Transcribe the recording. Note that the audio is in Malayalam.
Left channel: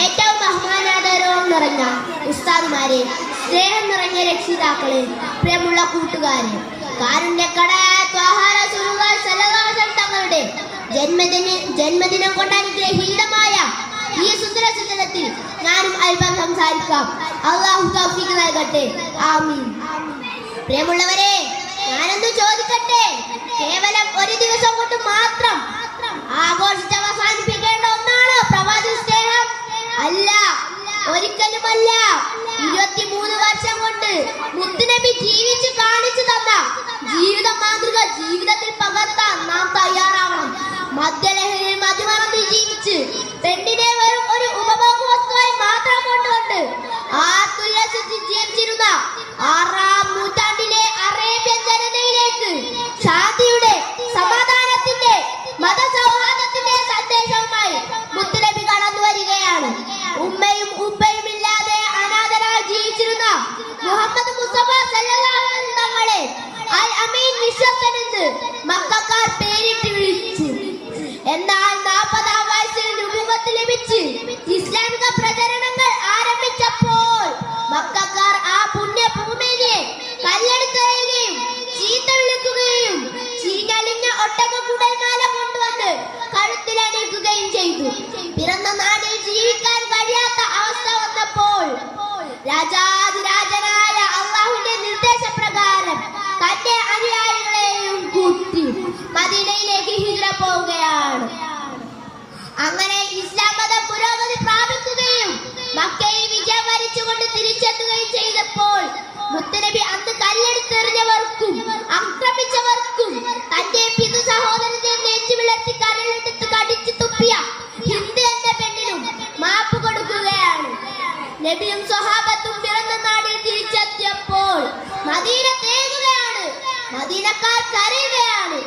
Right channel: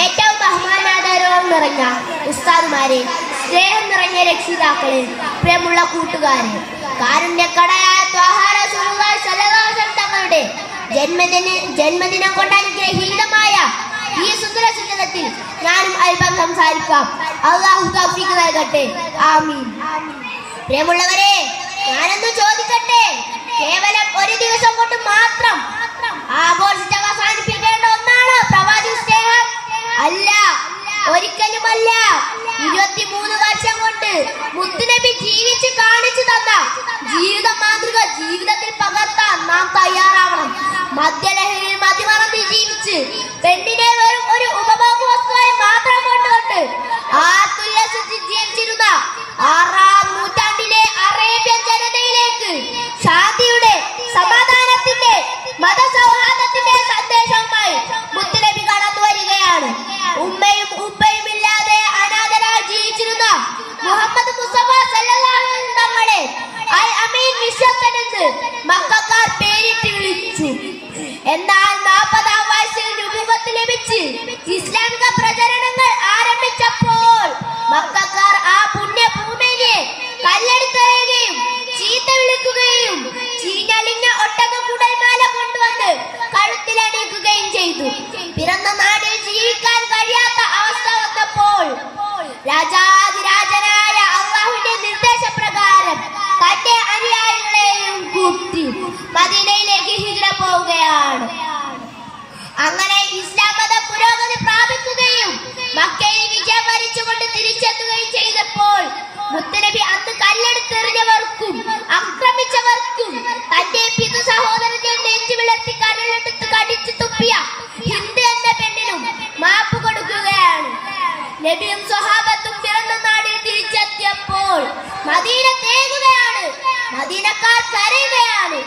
ഏറ്റവും ബഹുമാനാദരവും നിറഞ്ഞ ഉസ്താദുമാരെ, സ്നേഹം നിറഞ്ഞ രക്ഷിതാക്കളെ, പ്രിയമുള്ള കൂട്ടുകാരെ, കാരുണ്യക്കടയായ തങ്ങളുടെ ജന്മദിനം കൊണ്ട് അനുഗ്രഹീതമായ ഈ സുന്ദരത്തിൽ ഞാനും അല്പം സംസാരിക്കാം. അല്ലാഹു തൗഫീഖ് നൽകട്ടെ. ആമീൻ. പ്രിയമുള്ളവരെ, ഞാനെന്ന് ചോദിക്കട്ടെ, കേവലം ഒരു ദിവസം കൊണ്ട് മാത്രം ആഘോഷിച്ച് അവസാനിപ്പിക്കേണ്ട ഒന്നാണ് പ്രവാചക സ്നേഹം? അല്ല, ഒരിക്കലുമല്ല. 23 വർഷം കൊണ്ട് മുത്തുനബി ജീവിച്ച് കാണിച്ചു തന്ന ജീവിത മാതൃക ജീവിതത്തിൽ പകർത്താൻ നാം തയ്യാറാവണം. മദ്യലഹരിയിൽ മതിമറന്ന് ജീവിച്ച് പെണ്ണിനെ വെറും ഒരു ഉപഭോഗ വസ്തുവായി മാത്രം കൊണ്ടുകൊണ്ട് ആത്തുല്ലസിച്ച് ജീവിച്ചിരുന്ന 6-ാം നൂറ്റാണ്ടിലെ അറേബ്യൻ ജനതയിലേക്ക് ശാന്തിയുടെ, സമാധാനത്തിന്റെ, മതസൗഹാർദ്ദത്തിന്റെ സന്ദേശവുമായി മുത്തുനബി കടന്നു വരികയാണ്. ഉമ്മയും ഉപ്പയും ഇല്ലാതെ അനാഥരായി ജീവിച്ചിരുന്ന മുഹമ്മദ് മുസ്തഫ സല്ലല്ലാഹു അലൈഹി വസല്ലം തങ്ങളെ അൽ അമീൻ വിശ്വസ്തനെന്ന് മക്കക്കാർ പേരിട്ട് വിളിച്ചു. എന്നാൽ 40-ാം വയസ്സിൽ നുബുവത്ത് ലഭിച്ച് ഇസ്ലാമിക പ്രചരണങ്ങൾ ആരംഭിച്ചപ്പോൾ മക്കക്കാർ ആ പുണ്യഭൂമിയെ കല്ലെടുത്തെറിയുകയും ചീത്ത വിളിക്കുകയും ചീഞ്ഞളിഞ്ഞ ഒട്ടക കുടൽമാല കൊണ്ടുവന്ന് കഴുത്തിലണിയിക്കുകയും ചെയ്തു. പിറന്ന നാടിൽ ജീവിക്കാൻ കഴിയാത്ത അവസ്ഥ വന്നപ്പോൾ രാജാതിരാജനായ അല്ലാഹുവിന്റെ നിർദ്ദേശപ്രകാരം തന്റെ അനുയായികളെയും കൂട്ടി മദീനയിലേക്ക് ഹിജ്റ പോവുകയാണ്. അങ്ങനെ ഇസ്ലാം മതം പുരോഗതി പ്രാപിക്കുകയും മക്കയിൽ വിജയം വരിച്ചുകൊണ്ട് തിരിച്ചെത്തുകയും ചെയ്തപ്പോൾ മുത്തുനബി അന്ന് കല്ലെടുത്തെറിഞ്ഞവർക്കും ആക്രമിച്ചവർക്കും തന്റെ പിതൃ സഹോദരന്റെ നെഞ്ചു വിളർത്തി കരലെടുത്ത് കടിച്ചു തുപ്പിയ ഹിന്ദ് എന്ന പെണ്ണിനും മാപ്പ് കൊടുക്കുകയാണ്. നബിയും സ്വഹാബത്തും പിറന്ന നാടിൽ തിരിച്ചെത്തിയപ്പോൾ മദീന തേങ്ങുകയാണ്, മദീനക്കാർ കരയുകയാണ്.